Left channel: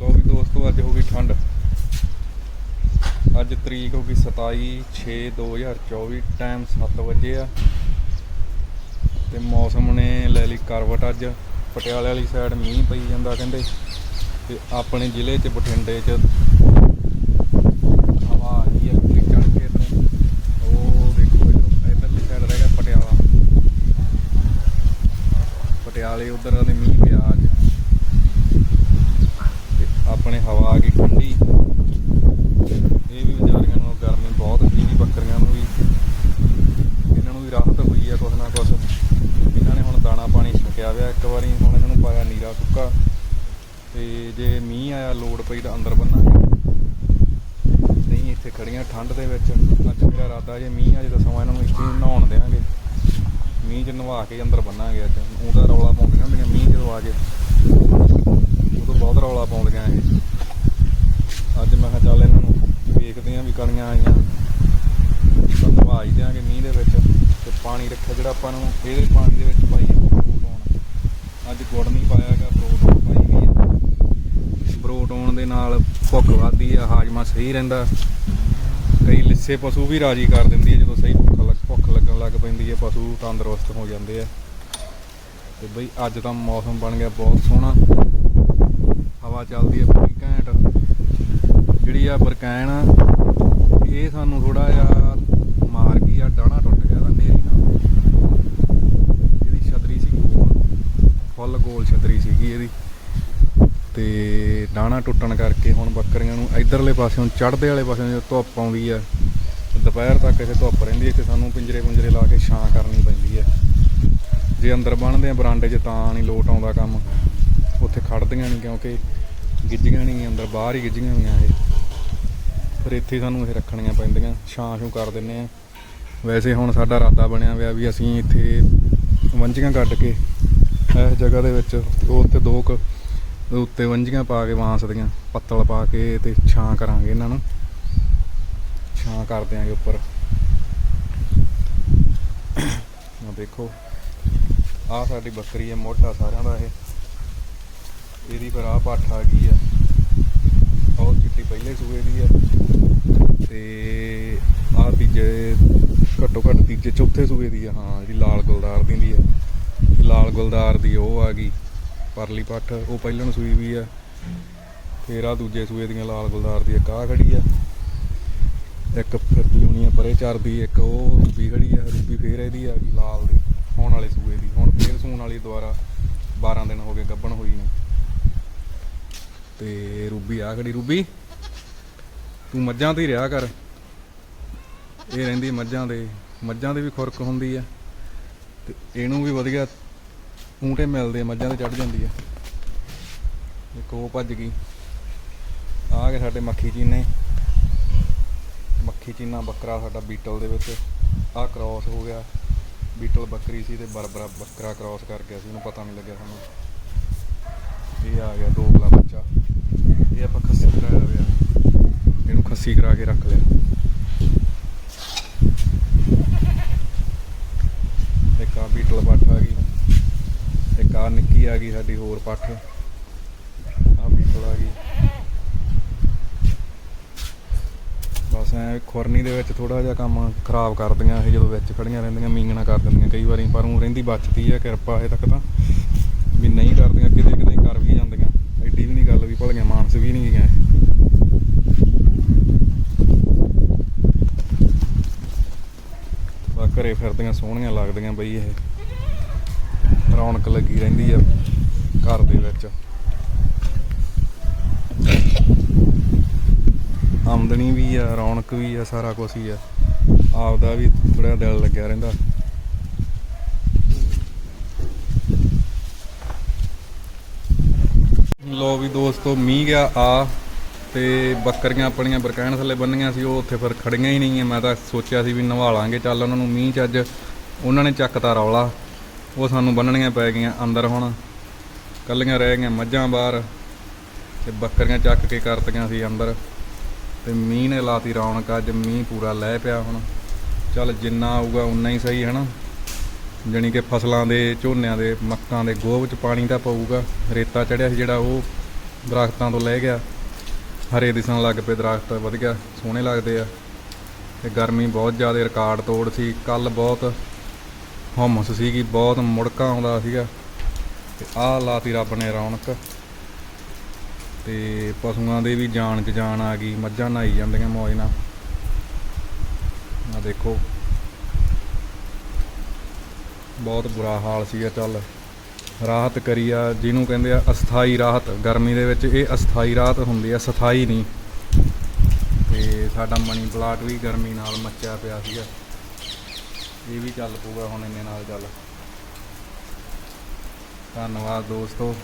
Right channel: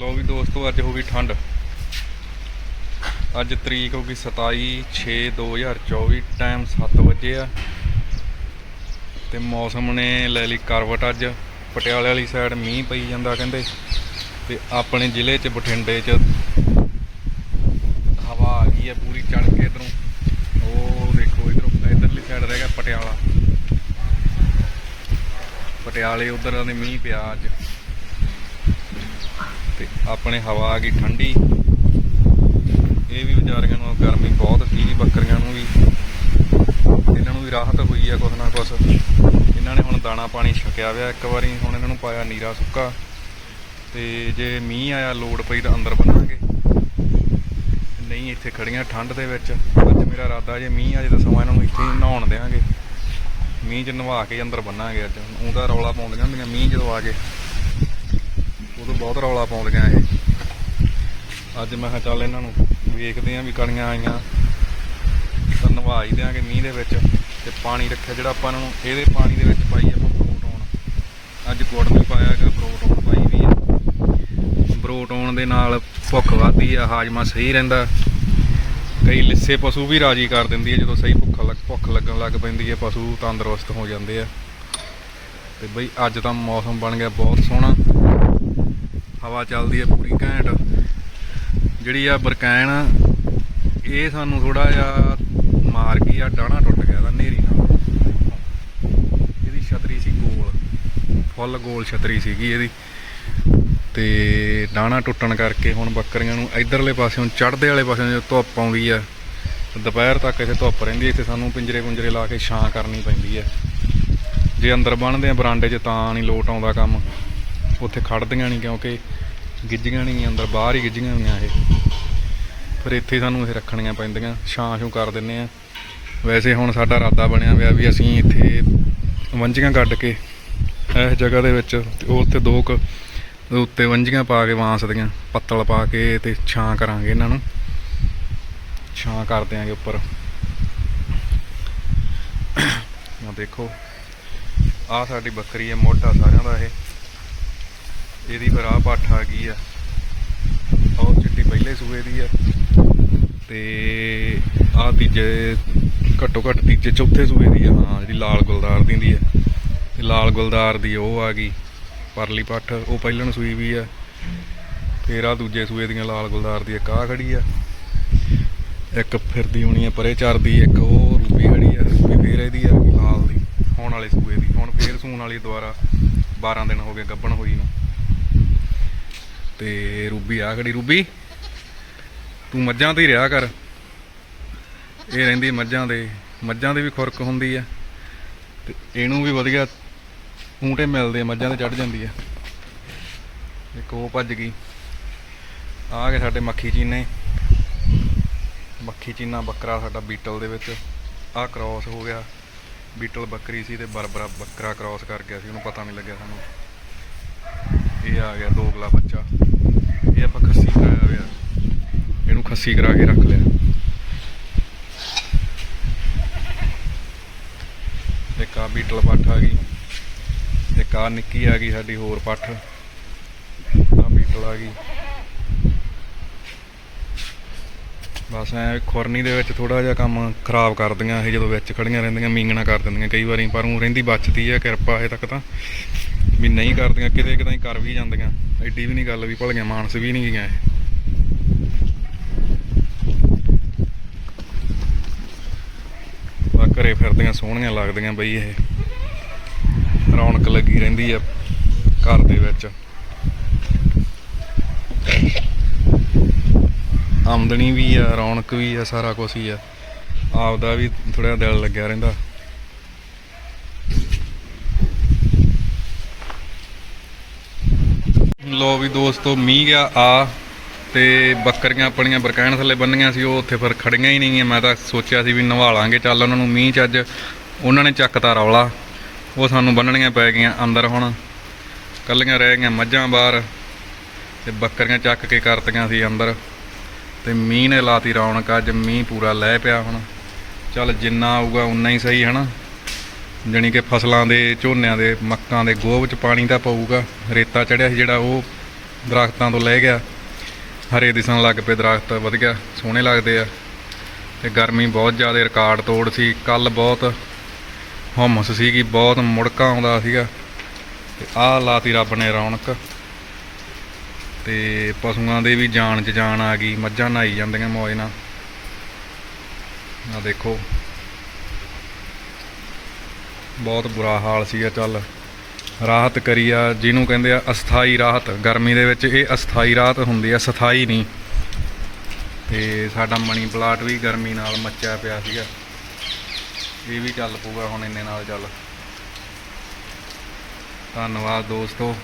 ਲੋ ਵੀ ਦੋਸਤੋ, ਅੱਜ ਹੋ ਗਈ ਠੰਡ। ਅੱਜ ਤਰੀਕ ਹੋ ਗਈ 27 6 2024 ਟਾਈਮ 7 ਵਜੇ ਆ। ਤੇ ਮੌਸਮ ਨੇ ਲੈ ਲਈ ਕਰਵਟ ਅੱਜ। ਪਟਿਆਲੇ ਵਾਲੀ ਸਾਈਡ ਮੀਂਹ ਪਈ ਜਾਂਦਾ ਕਹਿੰਦੇ। ਤੇ ਆਪਣੇ ਜ਼ਿਲ੍ਹੇ 'ਚ, ਬਠਿੰਡੇ 'ਚ ਹਵਾ ਆ ਗਈ ਹੈ ਪੂਰੀ ਚੜ ਕੇ ਇਧਰੋਂ। ਉਹ ਦੇਖੋ ਇਧਰੋਂ, ਇਧਰਲੀ ਸਾਈਡ ਰਹਿ ਗਿਆ ਪਟਿਆਲਾ। ਪਟਿਆਲੇ ਉਧਰ ਦੇ ਮੀਂਹ ਪਿਆ ਅੱਜ। ਆਪਣੇ ਹਵਾ ਆ ਗਈ ਠੰਡੀ। ਇਹ ਵੀ ਵਿਚਾਰੀਆਂ ਨੂੰ ਗਰਮੀ ਬਹੁਤ ਸੀ, ਬੱਕਰੀਆਂ ਨੂੰ ਵੀ। ਇਹਨਾਂ ਨੂੰ ਵੀ ਰਾਹਤ ਹੋਈ ਆ ਕੁਛ ਨਾ ਕੁਛ। ਇਹਨਾਂ ਨੇ ਹੁਣ ਦਾਣਾ ਪਾਣੀ ਛਕਿਆ ਵਿਆ ਇੱਕ ਵਾਰੀ ਹੁਣ ਇਹਨਾਂ ਨੂੰ ਪਾਇਆ ਨੀਰਾ ਸੁੱਕਾ। ਤੇ ਜੇ ਮੀਂਹ ਆਇਆ, ਲੋੜ ਪਈ ਤਾਂ ਅੰਦਰ ਬੰਨਾਂਗੇ ਨਹੀਂ, ਇੱਥੇ ਖੜੀਆਂ ਠੰਡ ਦੇ ਵਿੱਚ। ਅੱਜ ਮੇਰਾ ਇਰਾਦਾ ਜੇ ਮੀਂਹ ਆ ਜੇ ਤਾਂ ਸਮਾਂ ਇਹਨਾਂ ਨੂੰ ਇੱਥੇ ਹੀ ਨਹਾਉਣ ਦੇਵਾਂਗੇ ਮੀਂਹ 'ਚ ਨਵਾ ਕੇ ਅੰਦਰ ਬੰਨਾਂਗੇ ਅੱਜ। ਉਹ ਤਾਂ ਰੌਲਾ ਪਾਉਂਦੀਆਂ ਹੁੰਦੀਆਂ, ਮੀਂਹ ਜਦੋਂ ਆ ਜੇ। ਉਦੋਂ ਬਹੁਤ ਰੌਲਾ ਪਾਉਂਦੀਆਂ ਇਹ। ਅੱਜ ਮੈਂ ਕਿਹਾ ਚੱਲ ਇਹਨਾਂ ਨੂੰ ਵੇਖਦੇ ਆਂ ਵੀ ਕਣੀਆਂ ਆਈਆਂ। ਤਾਂ ਨਵਾ ਹੀ ਦਿਆਂਗੇ ਮੀਂਹ ਦੇ ਵਿੱਚ ਤੇ ਪਾਣੀ ਰੱਖਿਆ ਜਿਹੜਾ ਆਪਾਂ ਇਹਨਾਂ ਨੂੰ ਇਹਦੇ ਪਾਣੀ ਦੇ ਵਿੱਚ ਪਾਈ ਆਪਾਂ ਪ੍ਰੋਟੋਨ ਅੱਜ ਗੁੜ ਨਹੀਂ ਪਾਇਆ ਹੈਗਾ ਪ੍ਰੋਟੋਨ ਪਾਈ ਵੀ ਆ। ਪ੍ਰੋਟੋਨ ਦੇ ਨਾਲ ਭੁੱਖ ਵੱਧਦੀ ਆ, ਹਾਜ਼ਮਾ ਸਹੀ ਰਹਿੰਦਾ। ਕਈ ਲਿੱਸੇ ਪਸ਼ੂ ਵੀ ਰਾਜੀ ਕਰ ਦਿੰਦੀ ਹੈ ਜਦੋਂ ਸਹੀ ਭੁੱਖ ਲੱਗ, ਭੁੱਖ ਲੱਗਣ ਲੱਗ ਪੈਂਦੀ ਹੈ ਪਸ਼ੂ ਤੰਦਰੁਸਤ ਹੋ ਜਾਂਦੇ ਆ। ਤੇ ਬਈ ਅੱਜ ਤਾਂ ਮੌਸਮ ਬਣ ਗਿਆ ਬਹੁਤ ਸੋਹਣਾ। ਹਵਾ ਚੱਲਦੀ ਹੈ ਪੂਰੀ ਘੈਂਟ। ਜਿਹੜੀ ਆ ਬਰਕੈਨ ਇਹ ਸਾਨੂੰ ਥੋੜਾ ਜਿਹਾ ਮਾਰ ਗਈ ਆ ਡਾਣਾ ਟੁੱਟ ਗਿਆ ਦਾ ਨੇਰੀ ਨਾਲ। ਇਹਦੀ ਛਤਰੀ ਸੀ ਗੋਲ। ਫੁੱਲ ਗੋਲ ਛਤਰੀ ਸੀਗੀ ਇਹਦੀ। ਤੇ ਡਾਣਾ ਟੁੱਟਣ ਕਰਕੇ ਹੁਣ ਬੱਕਰੀਆਂ ਨੂੰ ਇਧਰਲੇ ਪਾਸਿਓਂ, ਚੜ੍ਹਦੇ ਵਾਲੇ ਪਾਸਿਓਂ ਜਦੋਂ ਧੁੱਪ ਆਉਂਦੀ ਆ, ਦੁਪਹਿਰ ਤੱਕ ਇੱਥੇ ਧੁੱਪ ਰਹਿੰਦੀ ਹੈ ਇੱਥੇ ਸਾਨੂੰ ਪਿੰਜਰੇ ਪੁੰਜਰੇ ਲਾ ਕੇ ਛਾਂ ਕਰਨੀ ਪੈਂਦੀ ਹੈ ਜੇ ਅੰਦਰ ਬੰਨਦੇ ਆ ਬਰਾਂਡੇ 'ਚ ਤਾਂ ਨਹੀਂ ਲੋਟ ਆਉਂਦਾ ਕੰਮ। ਉੱਥੇ ਖੜਦੀਆਂ ਨਹੀਂ ਕਿਉਂਕਿ ਗਿੱਜੀਆਂ ਨਹੀਂ ਅੰਦਰ ਬਾਹਰ ਹੀ ਗਿੱਜੀਆਂ ਹੋਈਆਂ ਇਹ। ਫਿਰ ਇੱਥੇ ਸਾਨੂੰ ਇਹ ਰੱਖਣੀਆਂ ਪੈਂਦੀਆਂ, ਛਾਂ ਛੂ ਕਰ ਦਿੰਨੇ ਆ। ਵੈਸੇ ਹੁਣ ਸਾਡਾ ਇਰਾਦਾ ਬਣਿਆ ਹੋਇਆ ਵੀ ਅਸੀਂ ਇੱਥੇ ਵੰਜੀਆਂ ਕੱਢ ਕੇ ਇਸ ਜਗ੍ਹਾ ਦੇ ਵਿੱਚ ਉਹ ਉੱਤੇ ਦੋ ਕ ਉੱਤੇ ਵੰਜੀਆਂ ਪਾ ਕੇ ਬਾਂਸ ਦੀਆਂ, ਪੱਤਲ ਪਾ ਕੇ ਤੇ ਛਾਂ ਕਰਾਂਗੇ ਇਹਨਾਂ ਨੂੰ। ਛਾਂ ਕਰ ਦਿਆਂਗੇ ਉੱਪਰ। ਆ ਦੇਖੋ ਆ ਸਾਡੀ ਬੱਕਰੀ ਹੈ, ਮੋਢਾ ਸਾਰਿਆਂ ਦਾ ਇਹ। ਇਹਦੀ ਫਿਰ ਆਹ ਪੱਠ ਆ ਗਈ ਆ। ਉਹ ਚਿੱਟੀ ਪਹਿਲੇ ਸੂਏ ਦੀ ਆ। ਤੇ ਆ ਤੀਜੇ, ਘੱਟੋ ਘੱਟ ਤੀਜੇ ਚੌਥੇ ਸੂਏ ਦੀ ਆ। ਹਾਂ, ਜਿਹੜੀ ਲਾਲ ਗੁਲਦਾਰ ਦੀ ਦੀ ਆ। ਤੇ ਲਾਲ ਗੁਲਦਾਰ ਦੀ ਉਹ ਆ ਗਈ, ਪਰਲੀ ਪੱਠ। ਉਹ ਪਹਿਲਣ ਸੂਈ ਵੀ ਆ। ਫੇਰ ਆ ਦੂਜੇ ਸੂਏ ਦੀਆਂ ਲਾਲ ਗੁਲਦਾਰ ਦੀ ਇੱਕ ਆ ਖੜੀ ਆ। ਇੱਕ ਫਿਰਦੀ ਹੋਣੀ ਆ ਪਰੇ ਚਰਦੀ ਇੱਕ ਉਹ ਰੂਬੀ ਖੜੀ ਆ। ਰੂਬੀ ਫੇਰ ਇਹਦੀ ਆ ਗਈ ਲਾਲ ਦੀ, ਹੁਣ ਵਾਲੇ ਸੂਏ ਦੀ। ਹੁਣ ਫੇਰ ਸੂਣ ਵਾਲੀ ਦੁਆਰਾ 12 ਦਿਨ ਹੋ ਗਏ ਗੱਭਣ ਹੋਈ ਨੂੰ। ਤੇ ਰੂਬੀ ਆ ਖੜੀ। ਰੂਬੀ, ਤੂੰ ਮੱਝਾਂ ਤੇ ਹੀ ਰਿਹਾ ਕਰ। ਇਹ ਰਹਿੰਦੀ ਮੱਝਾਂ ਦੇ। ਮੱਝਾਂ ਦੇ ਵੀ ਖੁਰਕ ਹੁੰਦੀ ਆ ਤੇ ਇਹਨੂੰ ਵੀ ਵਧੀਆ ਊਂਟੇ ਮਿਲਦੇ ਮੱਝਾਂ ਤੇ ਚੜ ਜਾਂਦੀ ਆ। ਇੱਕ ਉਹ ਭੱਜ ਗਈ। ਆ ਗਏ ਸਾਡੇ ਮੱਖੀ ਚੀਨੇ। ਮੱਖੀ ਚੀਨਾ ਬੱਕਰਾ ਸਾਡਾ ਬੀਟਲ ਦੇ ਵਿੱਚ। ਆ ਕ੍ਰਾਸ ਹੋ ਗਿਆ। ਬੀਟਲ ਬੱਕਰੀ ਸੀ ਤੇ ਬਰਬਰਾ ਬੱਕਰਾ ਕ੍ਰਾਸ ਕਰ ਗਿਆ ਸੀ। ਉਹਨੂੰ ਪਤਾ ਨਹੀਂ ਲੱਗਿਆ ਸਾਨੂੰ। ਇਹ ਆ ਗਿਆ ਦੋਗਲਾ ਬੱਚਾ। ਇਹ ਆਪਾਂ ਖੱਸੀ ਕਰਾਇਆ ਹੋਇਆ। ਇਹਨੂੰ ਖੱਸੀ ਕਰਾ ਕੇ ਰੱਖ ਲਿਆ। ਤੇ ਆ ਬੀਟਲ ਪੱਠ ਆ ਗਈ। ਤੇ ਆ ਨਿੱਕੀ ਆ ਗਈ ਸਾਡੀ ਹੋਰ ਪੱਠ ਆ ਬੀਟਲ ਆ ਗਈ। ਬਸ ਐ ਖੁਰਨੀ ਦੇ ਵਿੱਚ ਥੋੜਾ ਜਿਹਾ ਕੰਮ ਖਰਾਬ ਕਰਦੀਆਂ ਇਹ ਜਦੋਂ ਵਿੱਚ ਖੜੀਆਂ ਰਹਿੰਦੀਆਂ, ਮੀਂਗਣਾ ਕਰ ਦਿੰਦੀਆਂ ਕਈ ਵਾਰੀ, ਪਰ ਉਹ ਰਹਿੰਦੀ ਬਚਦੀ ਆ ਕਿਰਪਾ ਅਜੇ ਤੱਕ ਤਾਂ। ਵੀ ਨਹੀਂ ਕਰਦੀਆਂ, ਕਿਤੇ ਕਿਤੇ ਕਰ ਵੀ ਜਾਂਦੀਆਂ। ਐਡੀ ਵੀ ਨਹੀਂ ਗੱਲ ਵੀ, ਭਲੀਆਂ ਮਾਨਸ ਵੀ ਨਹੀਂ ਗਈਆਂ ਇਹ। ਬਾ ਘਰੇ ਫਿਰਦੀਆਂ, ਸੋਹਣੀਆਂ ਲੱਗਦੀਆਂ ਬਈ ਇਹ। ਰੌਣਕ ਲੱਗੀ ਰਹਿੰਦੀ ਆ ਘਰ ਦੇ ਵਿੱਚ। ਆਮਦਨੀ ਵੀ ਆ, ਰੌਣਕ ਵੀ ਆ, ਸਾਰਾ ਕੁਝ ਹੀ ਆ। ਆਪਦਾ ਵੀ ਥੋੜਾ ਦਿਲ ਲੱਗਿਆ ਰਹਿੰਦਾ। ਲੋ ਵੀ ਦੋਸਤੋ, ਮੀਂਹ ਗਿਆ, ਆ ਤੇ ਬੱਕਰੀਆਂ ਆਪਣੀਆਂ ਬਰਕਾਇਣ ਥੱਲੇ ਬੰਨੀਆਂ ਸੀ, ਉਹ ਉੱਥੇ ਫਿਰ ਖੜੀਆਂ ਹੀ ਨਹੀਂ ਮੈਂ ਤਾਂ ਸੋਚਿਆ ਸੀ ਵੀ ਨਵਾ ਲਾਂਗੇ, ਚੱਲ ਉਹਨਾਂ ਨੂੰ ਮੀਂਹ ਚ ਅੱਜ ਉਹਨਾਂ ਨੇ ਚੱਕਤਾ ਰੌਲਾ। ਉਹ ਸਾਨੂੰ ਬੰਨਣੀਆਂ ਪੈ ਗਈਆਂ ਅੰਦਰ ਹੁਣ। ਕੱਲੀਆਂ ਰਹਿ ਗਈਆਂ ਮੱਝਾਂ ਬਾਹਰ ਤੇ ਬੱਕਰੀਆਂ ਚੱਕ ਕੇ ਕਰਤੀਆਂ ਸੀ ਅੰਦਰ। ਤੇ ਮੀਂਹ ਨੇ ਲਾਤੀ ਰੌਣਕ, ਅੱਜ ਮੀਂਹ ਪੂਰਾ ਲੈ ਪਿਆ ਹੁਣ। ਚੱਲ ਜਿੰਨਾ ਆਊਗਾ, ਉਨਾ ਹੀ ਸਹੀ, ਹਨਾ? ਜਾਣੀ ਕਿ ਫਸਲਾਂ ਦੇ, ਝੋਨਿਆਂ ਦੇ, ਮੱਕਾਂ ਦੇ ਗੋਹ ਵਿੱਚ ਪਾਣੀ ਤਾਂ ਪਊਗਾ। ਰੇਤਾ ਚੜਿਆ ਸੀ ਜਿਹੜਾ ਉਹ ਦਰਖਤਾਂ ਤੋਂ ਲੈ ਗਿਆ। ਹਰੇ ਦਿਸਣ ਲੱਗ ਪਏ, ਦਰਖਤ ਵਧੀਆ ਸੋਹਣੇ ਲੱਗਦੇ ਆ। ਤੇ ਗਰਮੀ ਬਹੁਤ ਜ਼ਿਆਦਾ, ਰਿਕਾਰਡ ਤੋੜ ਸੀ। ਕੱਲ ਬਹੁਤ ਹਮਸ ਸੀਗੀ, ਬਹੁਤ ਮੁੜਕਾ ਆਉਂਦਾ ਸੀਗਾ। ਤੇ ਆਹ ਲਾਤੀ ਰੱਬ ਨੇ ਰੌਣਕ। ਤੇ ਪਸ਼ੂਆਂ ਦੇ ਵੀ ਜਾਨ 'ਚ ਜਾਨ ਆ ਗਈ, ਮੱਝਾਂ ਨਹਾਈ ਜਾਂਦੀਆਂ ਮੌਜ ਨਾਲ। ਆ ਦੇਖੋ। ਬਹੁਤ ਬੁਰਾ ਹਾਲ ਸੀਗਾ, ਚੱਲ। ਰਾਹਤ ਕਰੀ ਆ, ਜਿਹਨੂੰ ਕਹਿੰਦੇ ਆ ਅਸਥਾਈ ਰਾਹਤ। ਗਰਮੀ ਦੇ ਵਿੱਚ ਇਹ ਅਸਥਾਈ ਰਾਹਤ ਹੁੰਦੀ ਆ, ਸਥਾਈ ਨਹੀਂ। ਤੇ ਸਾਡਾ ਮਣੀ ਪਲਾਟ ਵੀ ਗਰਮੀ ਨਾਲ ਮੱਚਿਆ ਪਿਆ ਸੀਗਾ। ਇਹ ਵੀ ਚੱਲ ਪਊਗਾ ਹੁਣ ਇੰਨੇ ਨਾਲ, ਚੱਲ। ਧੰਨਵਾਦ ਦੋਸਤੋ।